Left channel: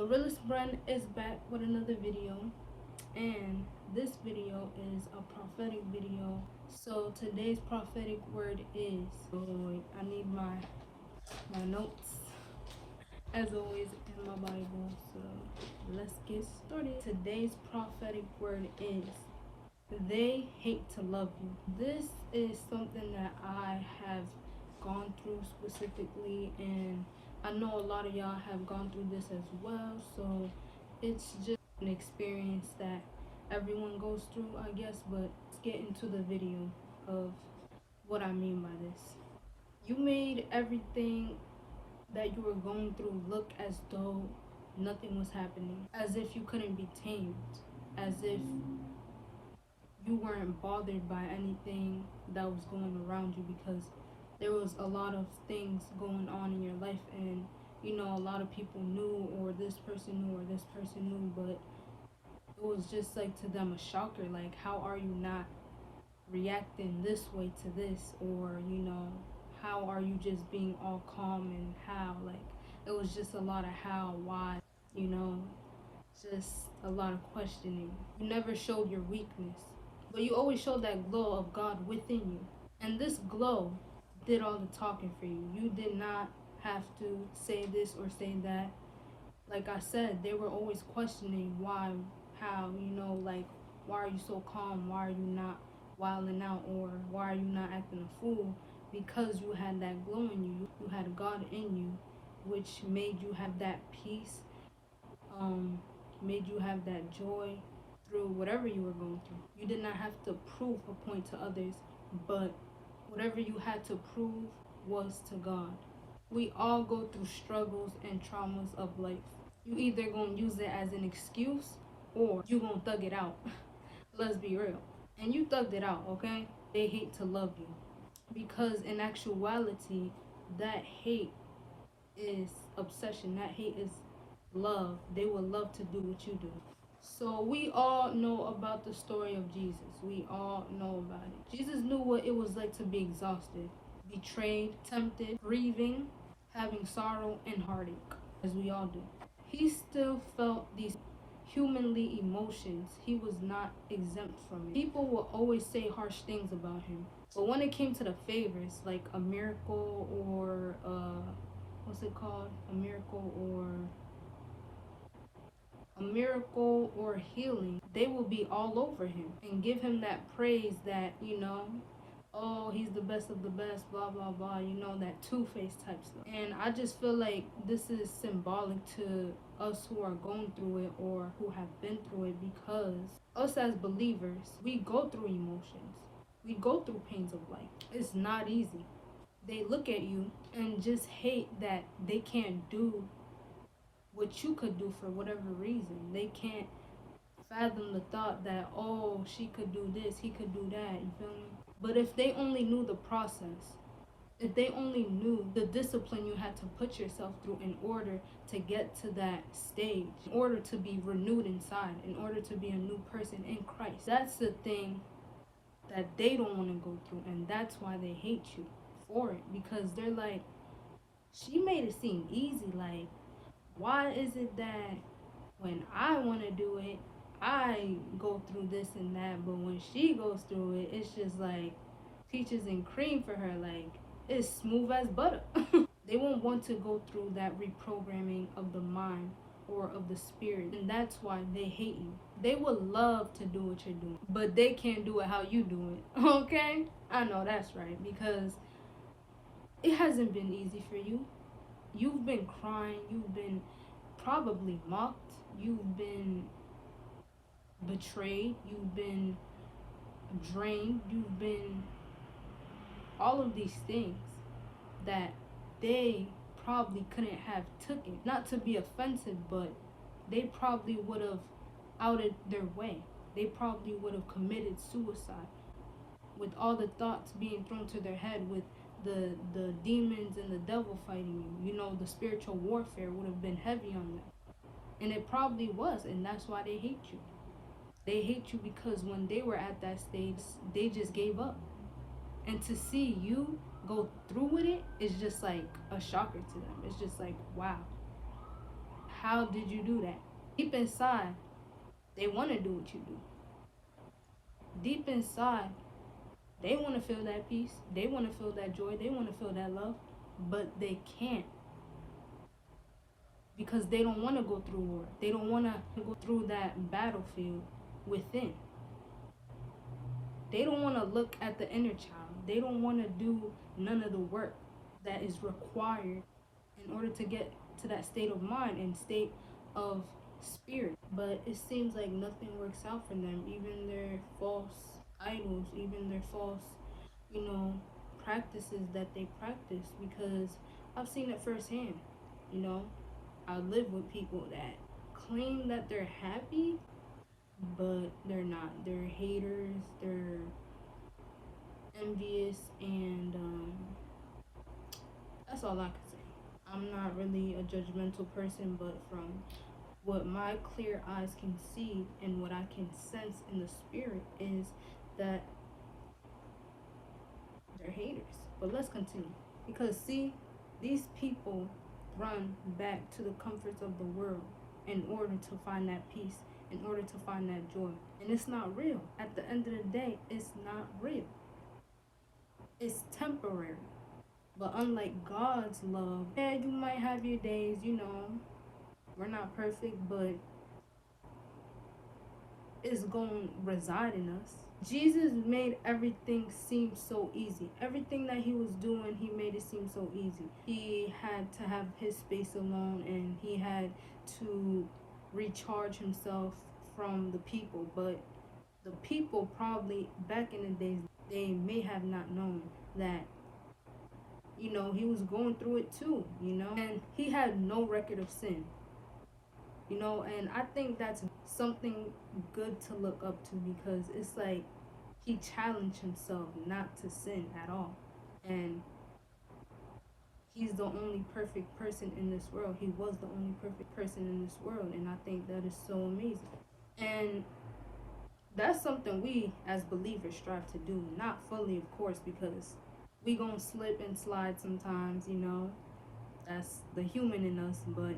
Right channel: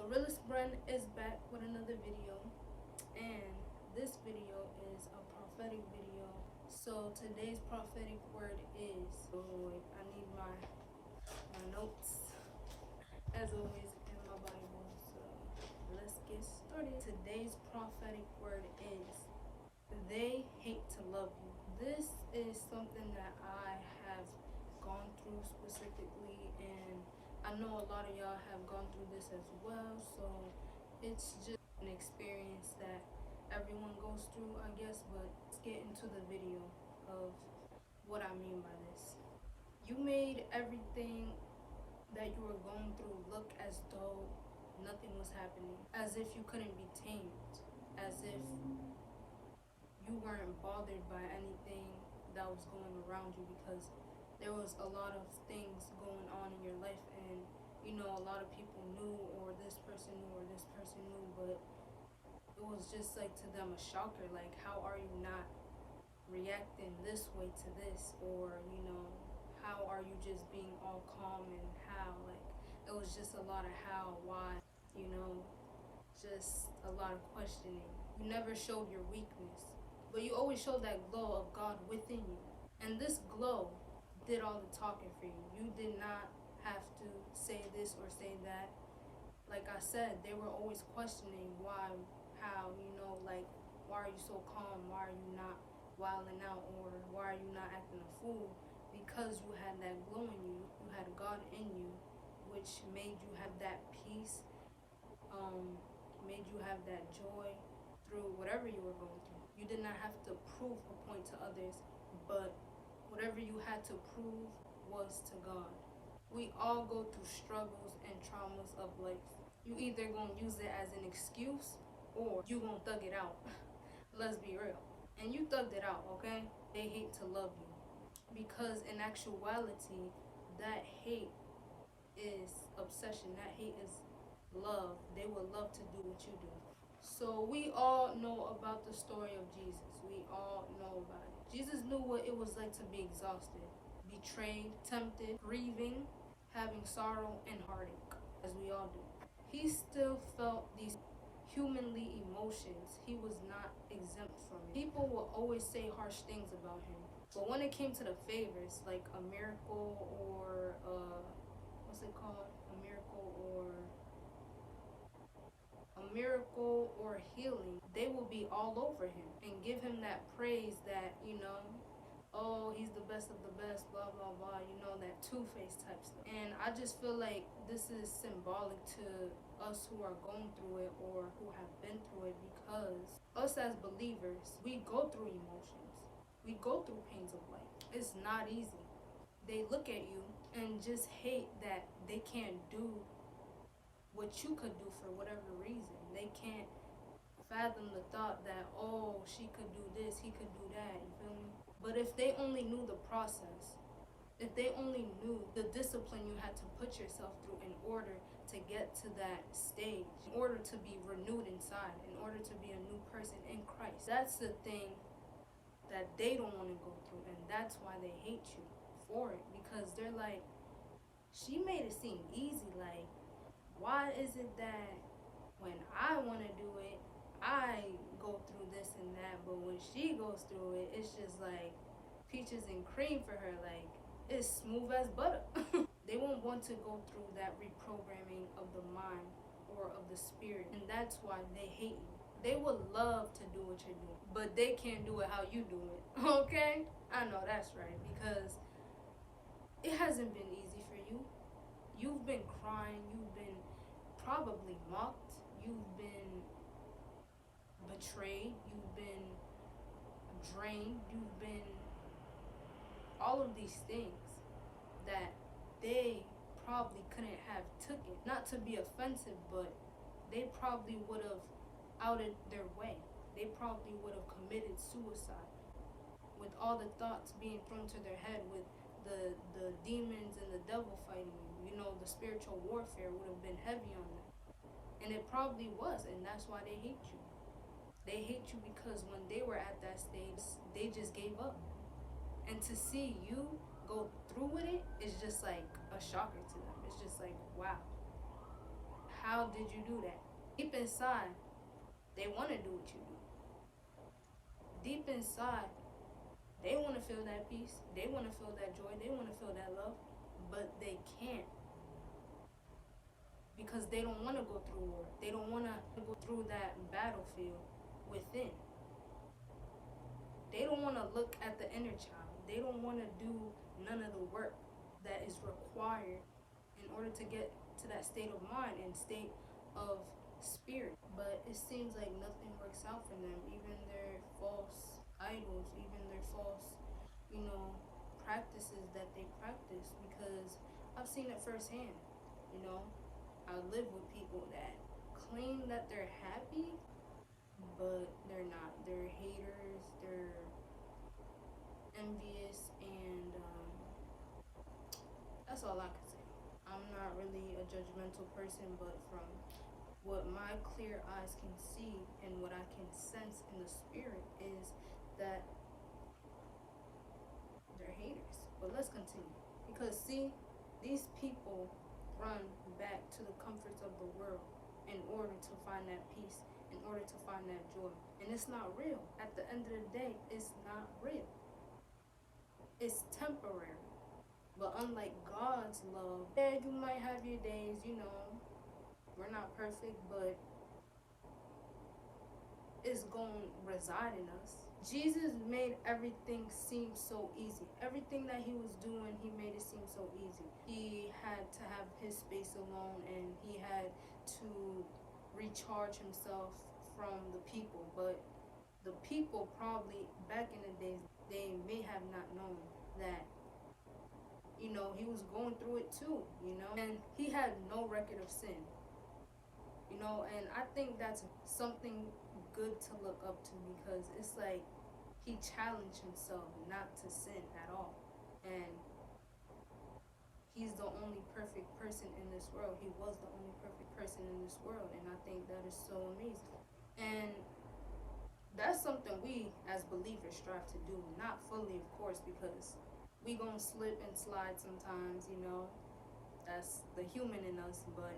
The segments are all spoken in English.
The realest brand is back with another video, and this video is a prophetic video. So today's prophetic word is, I need my notes as always in my Bible. So let's get started. Today's prophetic word is, they hate to love you. This is something that I have gone through specifically, and I know a lot of y'all have gone through this as well. So it's just an experience that everyone goes through, I guess. But let's get into the video of what I mean by this. You made everything that you were going through look as though nothing was happening, as if you couldn't be tamed, as if you weren't bothered by anything that was going around you, because there was a lot of things going on in your life, and a lot of people knew, or this person knew, or this person knew, but it was just like to them a shocker, like, how are you not reacting this way to this? Or how are you just being all calm? And how, like, it was just a lot of how, why, you know just a lot of questioning. You never showed your weakness, but you always showed that glow of God within you. And this glow did all the talking for you. You did not have to say this or say that. Like I said, they were always questioning why, how, like, why are you so calm? Why are you not wilding out? Or why are you not acting a fool? Because you had that glow in you. You had God in you, which made you have that peace, made you have that joy through whatever you were going through. You did not have to prove a point to others, but whatever you had to prove was to God. We all go through struggles and traumas of life. You either gonna use it as an excuse, or you gonna thug it out. Let's be real. And you thugged it out, okay? They hate to love you, because in actuality, that hate is obsession. That hate is love. They will love to do what you do. So we all know about the story of Jesus. We all know about it. Jesus knew what it was like to be exhausted, betrayed, tempted, grieving, having sorrow and heartache, as we all do. He still felt these humanly emotions. He was not exempt from it. People will always say harsh things about him, but when it came to the favors, like a miracle, or what's it called, a miracle or healing, they will be all over him and give him that praise that, oh, he's the best of the best, blah, blah, blah, that two-faced type stuff. And I just feel like this is symbolic to us who are going through it, or who have been through it, because us as believers, we go through emotions. We go through pains of life. It's not easy. They look at you and just hate that they can't do what you could do for whatever reason. They can't fathom the thought that, oh, she could do this, he could do that, you feel me? But if they only knew the process, if they only knew the discipline you had to put yourself through in order to get to that stage, in order to be renewed inside, in order to be a new person in Christ, that's the thing that they don't want to go through. And that's why they hate you for it, because they're like, she made it seem easy. Like, why is it that when I want to do it, I go through this and that, but when she goes through it, it's just like peaches and cream for her? Like, it's smooth as butter. They won't want to go through that reprogramming of the mind or of the spirit, and that's why they hate you. They would love to do what you're doing, but they can't do it how you do it. Okay? I know that's right, because it hasn't been easy for you. You've been crying, you've been probably mocked, you've been betrayed, you've been drained, you've been all of these things that they probably couldn't have taken. Not to be offensive, but they probably would have outed their way. They probably would have committed suicide, with all the thoughts being thrown to their head, with the demons and the devil fighting you. The spiritual warfare would have been heavy on them. And it probably was, and that's why they hate you. They hate you because when they were at that stage, they just gave up. And to see you go through with it is just like a shocker to them. It's just like, wow. How did you do that? Deep inside, they want to do what you do. Deep inside, they want to feel that peace. They want to feel that joy. They want to feel that love. But they can't, because they don't want to go through war. They don't want to go through that battlefield within. They don't want to look at the inner child. They don't want to do none of the work that is required in order to get to that state of mind and state of spirit. But it seems like nothing works out for them. Even their false idols, even their false, you know, practices that they practice. Because I've seen it firsthand. You know, I live with people that claim that they're happy, but they're not. They're haters. They're envious, and that's all I can say. I'm not really a judgmental person, but from what my clear eyes can see and what I can sense in the spirit is that they're haters. But let's continue. Because see, these people run back to the comforts of the world in order to find that peace, in order to find that joy. And it's not real. At the end of the day, it's not real. It's temporary. But unlike God's love, yeah, you might have your days, you know, we're not perfect, but it's going to reside in us. Jesus made everything seem so easy. Everything that he was doing, he made it seem so easy. He had to have his space alone, and he had to recharge himself from the people. But the people probably back in the days, they may have not known that, you know, he was going through it too, you know, and he had no record of sin, you know. And I think that's something good to look up to, because it's like he challenged himself not to sin at all. And he's the only perfect person in this world. He was the only perfect person in this world, and I think that is so amazing. And that's something we as believers strive to do. Not fully, of course, because we gonna slip and slide sometimes, you know. That's the human in us. But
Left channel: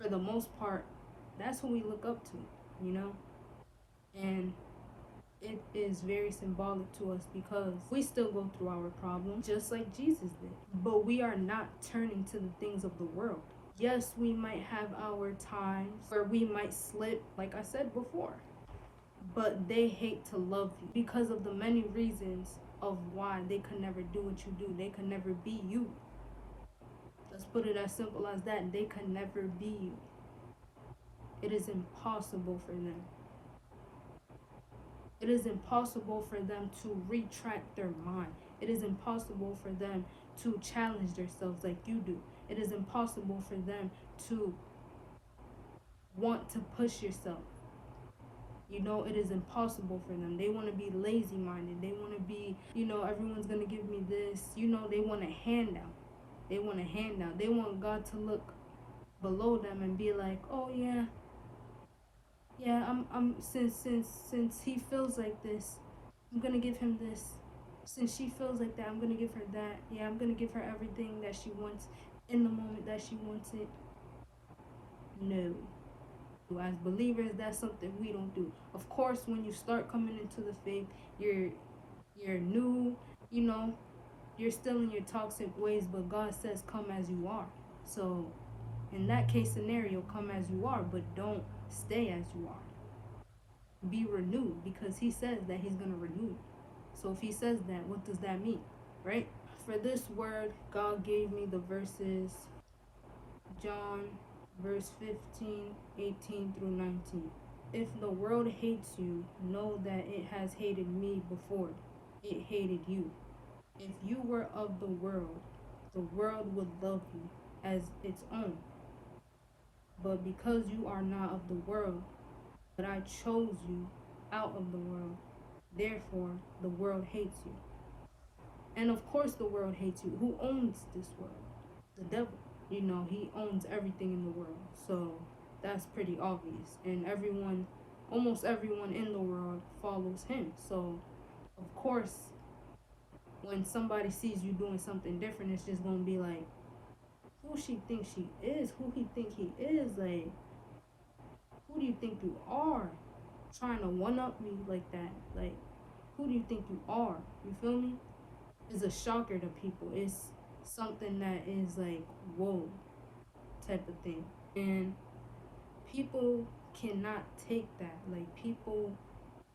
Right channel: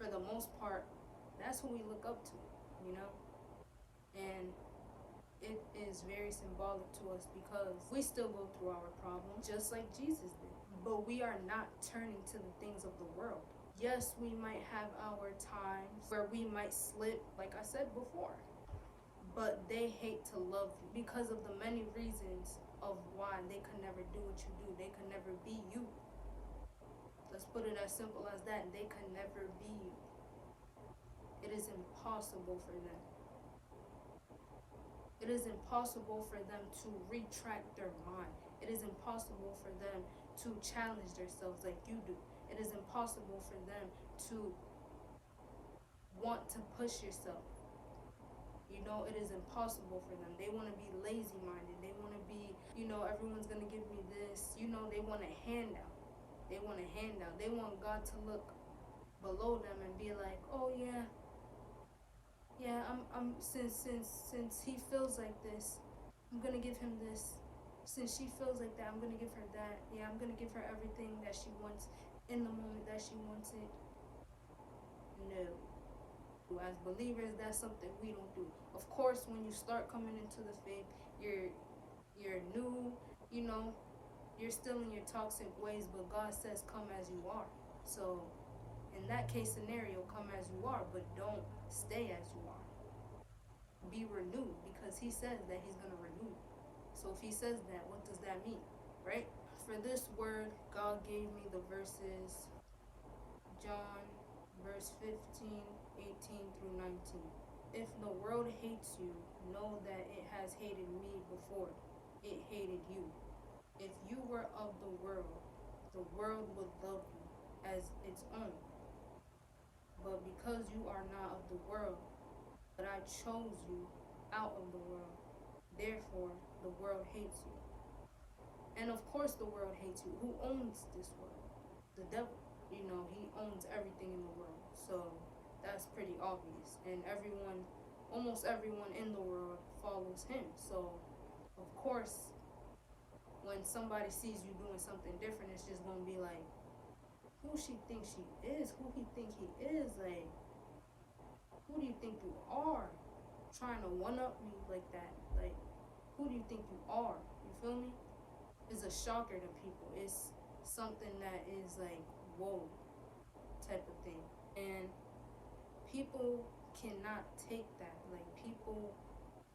for the most part, that's what we look up to, you know. And it is very symbolic to us, because we still go through our problems just like Jesus did. But we are not turning to the things of the world. Yes, we might have our times where we might slip, like I said before, but they hate to love you because of the many reasons of why they could never do what you do. They could never be you. Let's put it as simple as that. They could never be you. It is impossible for them. It is impossible for them to retract their mind. It is impossible for them to challenge themselves like you do. It is impossible for them to want to push yourself. You know, it is impossible for them. They want to be lazy minded. They want to be, you know, everyone's going to give me this. You know, they want a handout. They want a handout. They want God to look below them and be like, oh yeah, since he feels like this, I'm gonna give him this. Since she feels like that, I'm gonna give her that. Yeah, I'm gonna give her everything that she wants in the moment that she wants it. No. As believers, that's something we don't do. Of course, when you start coming into the faith, you're new, you know, you're still in your toxic ways, but God says come as you are. So in that case scenario, come as you are, but don't stay as you are. Be renewed, because he says that he's going to renew you. So if he says that, what does that mean, right? For this word, God gave me the verses John verse 15, 18 through 19. If the world hates you, know that it has hated me before it hated you. If you were of the world would love you as its own. But because you are not of the world, but I chose you out of the world, therefore the world hates you. And of course the world hates you. Who owns this world? The devil. You know, he owns everything in the world. So that's pretty obvious. And almost everyone in the world follows him. So of course, when somebody sees you doing something different, it's just going to be like, who she thinks she is, who he think he is. Like, who do you think you are? Trying to one up me like that. Like, who do you think you are? You feel me? It's a shocker to people. It's something that is like, whoa, type of thing. And people cannot take that. Like, people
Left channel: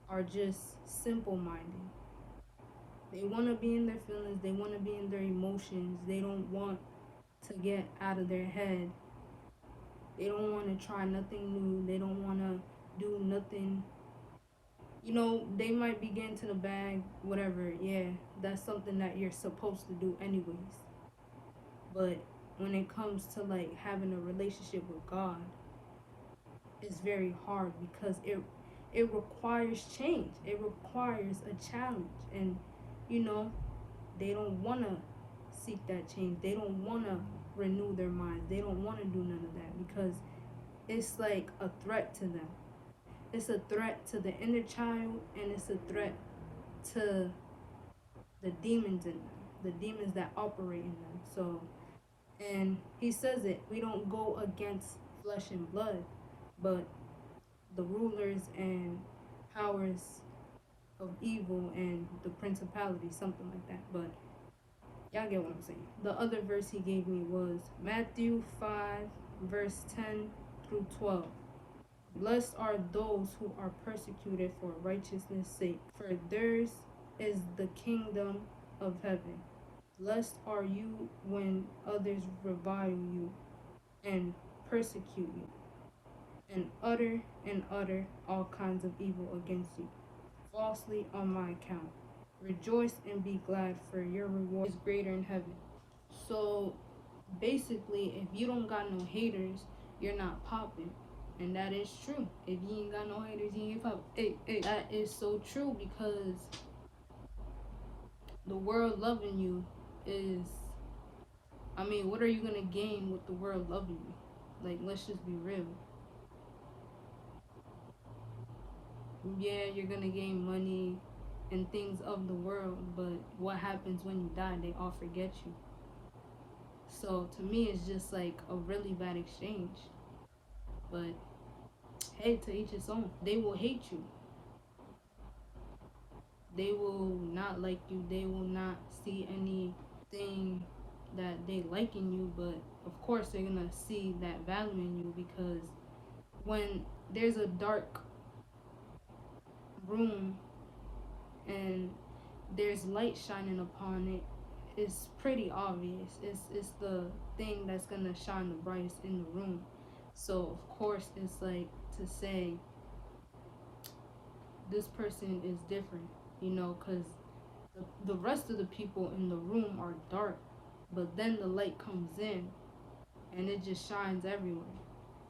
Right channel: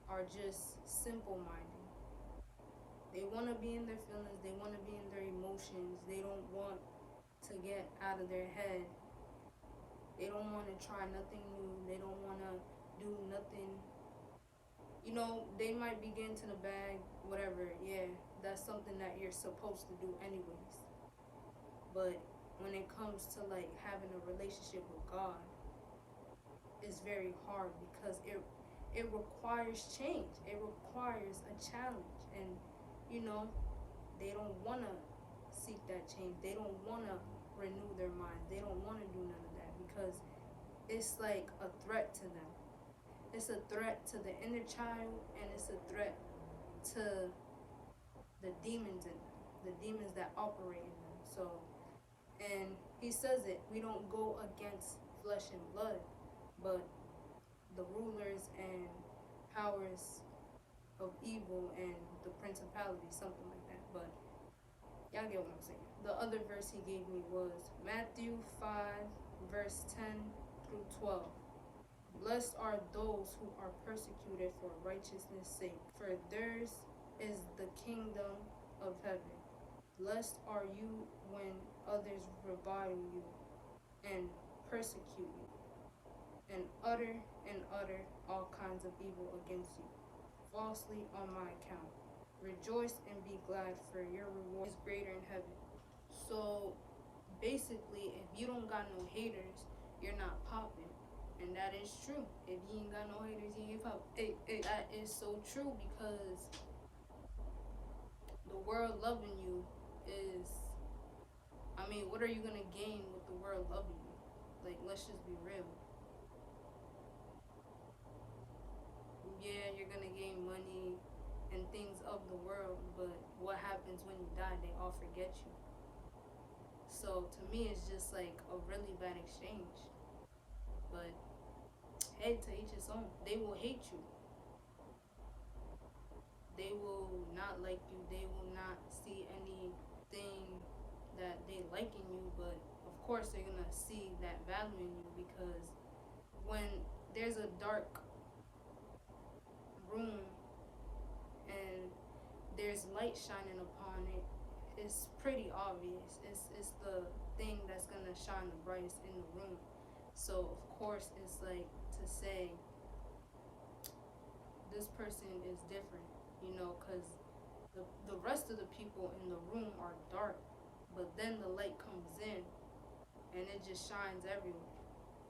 are just simple minded. They want to be in their feelings, they want to be in their emotions, they don't want to get out of their head, they don't want to try nothing new, they don't want to do nothing. You know, they might be getting to the bag, whatever, yeah, that's something that you're supposed to do anyways. But when it comes to like having a relationship with God, it's very hard because it requires change. It requires a challenge. And you know, they don't want to seek that change. They don't want to renew their minds. They don't want to do none of that because it's like a threat to them. It's a threat to the inner child, and it's a threat to the demons in them, the demons that operate in them. So, and he says it, we don't go against flesh and blood, but the rulers and powers of evil and the principality, something like that. But y'all get what I'm saying. The other verse he gave me was Matthew 5, verse 10 through 12. Blessed are those who are persecuted for righteousness' sake, for theirs is the kingdom of heaven. Blessed are you when others revile you and persecute you, and utter all kinds of evil against you, falsely on my account. Rejoice and be glad, for your reward is greater in heaven. So basically, if you don't got no haters, you're not popping. And that is true. If you ain't got no haters, you ain't popping. Hey, that is so true because the world loving you is, I mean, what are you going to gain with the world loving you? Like, let's just be real. Yeah, you're going to gain money and things of the world, but what happens when you die? They all forget you. So to me, it's just like a really bad exchange. But hey, to each his own. They will hate you. They will not like you. They will not see anything that they like in you. But of course, they're gonna see that value in you because when there's a dark room and there's light shining upon it, it's pretty obvious. It's the thing that's gonna shine the brightest in the room. So of course, it's like to say this person is different, you know, because the rest of the people in the room are dark, but then the light comes in and it just shines everywhere.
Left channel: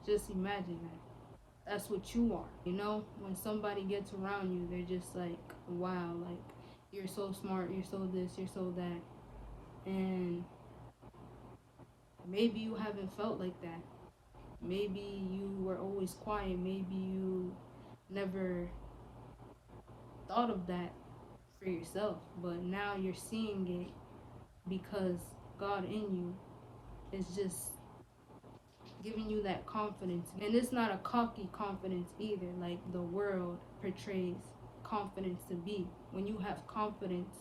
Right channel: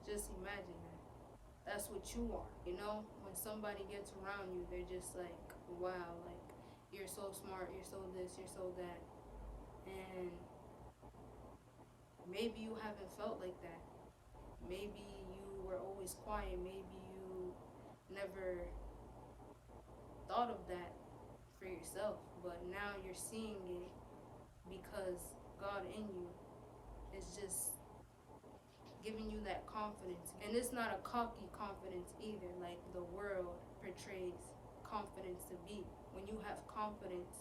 Just imagine that. That's what you are, you know? When somebody gets around you, they're just like, wow, like, you're so smart, you're so this, you're so that. And maybe you haven't felt like that. Maybe you were always quiet. Maybe you never thought of that for yourself, but now you're seeing it because God in you is just giving you that confidence. And it's not a cocky confidence either, like the world portrays confidence to be. When you have confidence,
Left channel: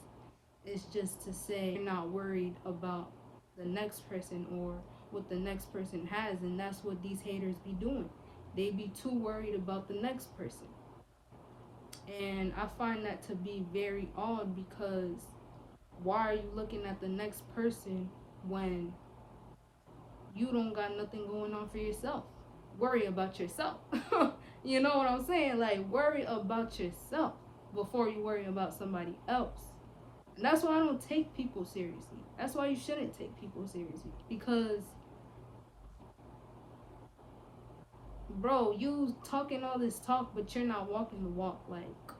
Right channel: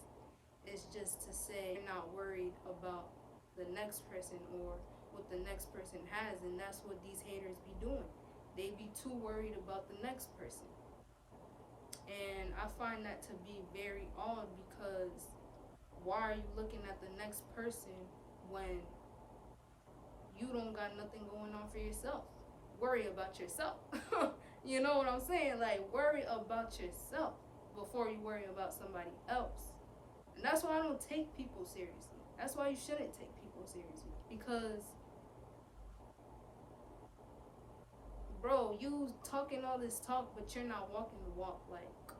it's just to say you're not worried about the next person or what the next person has. And that's what these haters be doing. They be too worried about the next person. And I find that to be very odd because why are you looking at the next person when you don't got nothing going on for yourself? Worry about yourself. You know what I'm saying? Like, worry about yourself before you worry about somebody else. And that's why I don't take people seriously. That's why you shouldn't take people seriously. Because, bro, you talking all this talk, but you're not walking the walk. Like,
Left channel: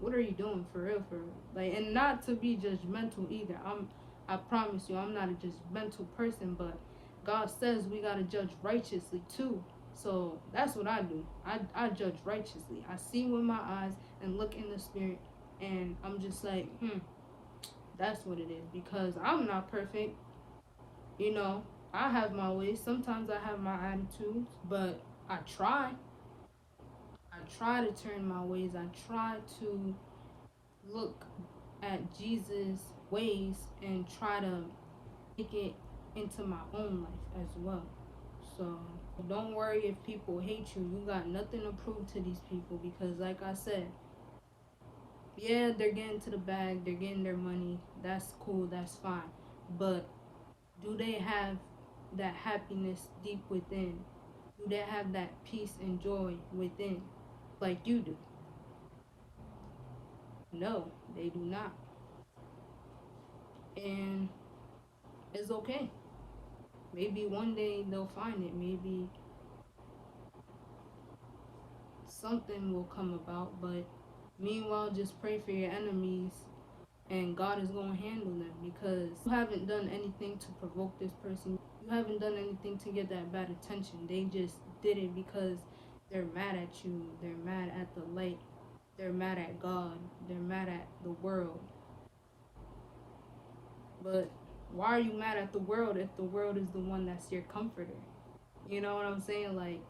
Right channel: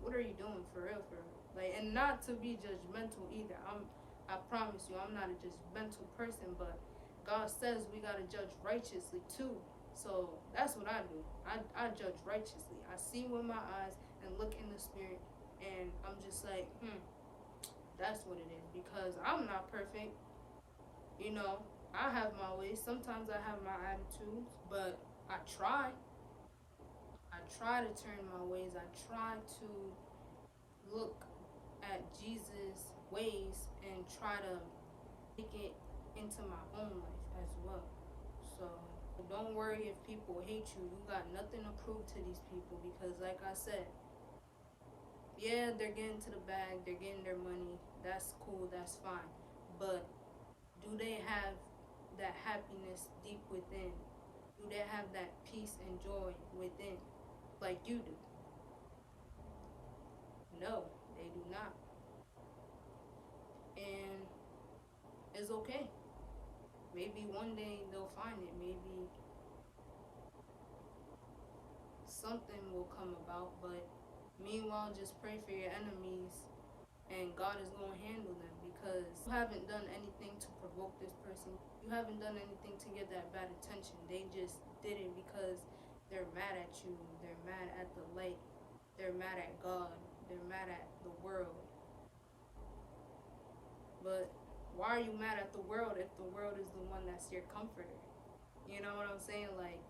what are you doing for real, for real? Like, and not to be judgmental either. I promise you, I'm not a judgmental person, but God says we gotta judge righteously too. So that's what I do. I judge righteously. I see with my eyes and look in the spirit, and I'm just like, that's what it is. Because I'm not perfect, you know. I have my ways. Sometimes I have my attitudes, but I try. I try to turn my ways. I try to look at Jesus' ways and try to make it into my own life as well. So don't worry if people hate you. You got nothing to prove to these people because, like I said, yeah, they're getting to the bag, they're getting their money. That's cool, that's fine. But do they have that happiness deep within? Do they have that peace and joy within like you do? No, they do not. And it's okay. Maybe one day they'll find it. Maybe something will come about. But meanwhile, just pray for your enemies and God is going to handle them because you haven't done anything to provoke this person. You haven't done anything to get that bad attention. They just did it because they're mad at you. They're mad at the light. They're mad at God. They're mad at the world. But why are you mad at the world if the world is the one that's your comforter? You know what I'm saying? Like,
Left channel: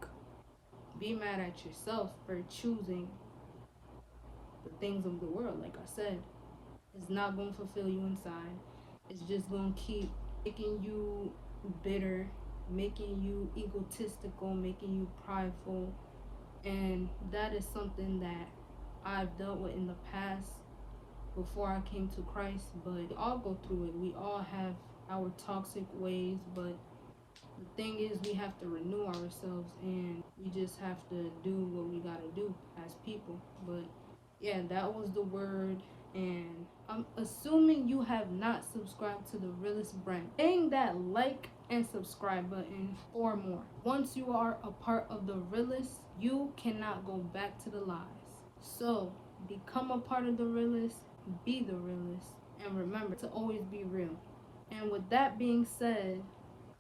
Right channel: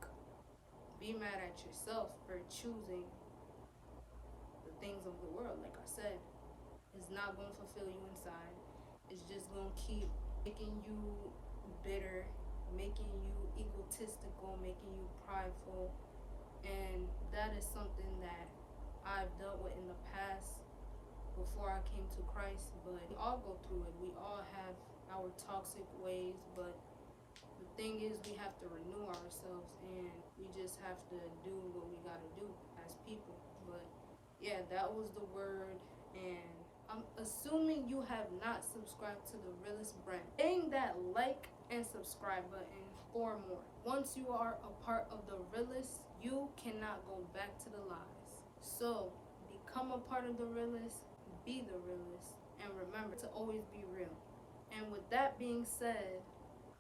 be mad at yourself for choosing the things of the world. Like I said, it's not going to fulfill you inside. It's just going to keep making you bitter, making you egotistical, making you prideful. And that is something that I've dealt with in the past before I came to Christ. But we all go through it. We all have our toxic ways, but the thing is we have to renew ourselves and we just have to do what we gotta do as people. But yeah, that was the word. And I'm assuming you have not subscribed to the realest brand. Hang that like and subscribe button for more. Once you are a part of the realest, you cannot go back to the lies. So become a part of the realest, be the realest, and remember to always be real. And with that being said,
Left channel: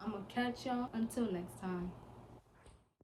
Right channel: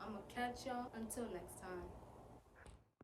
I'm gonna catch y'all until next time.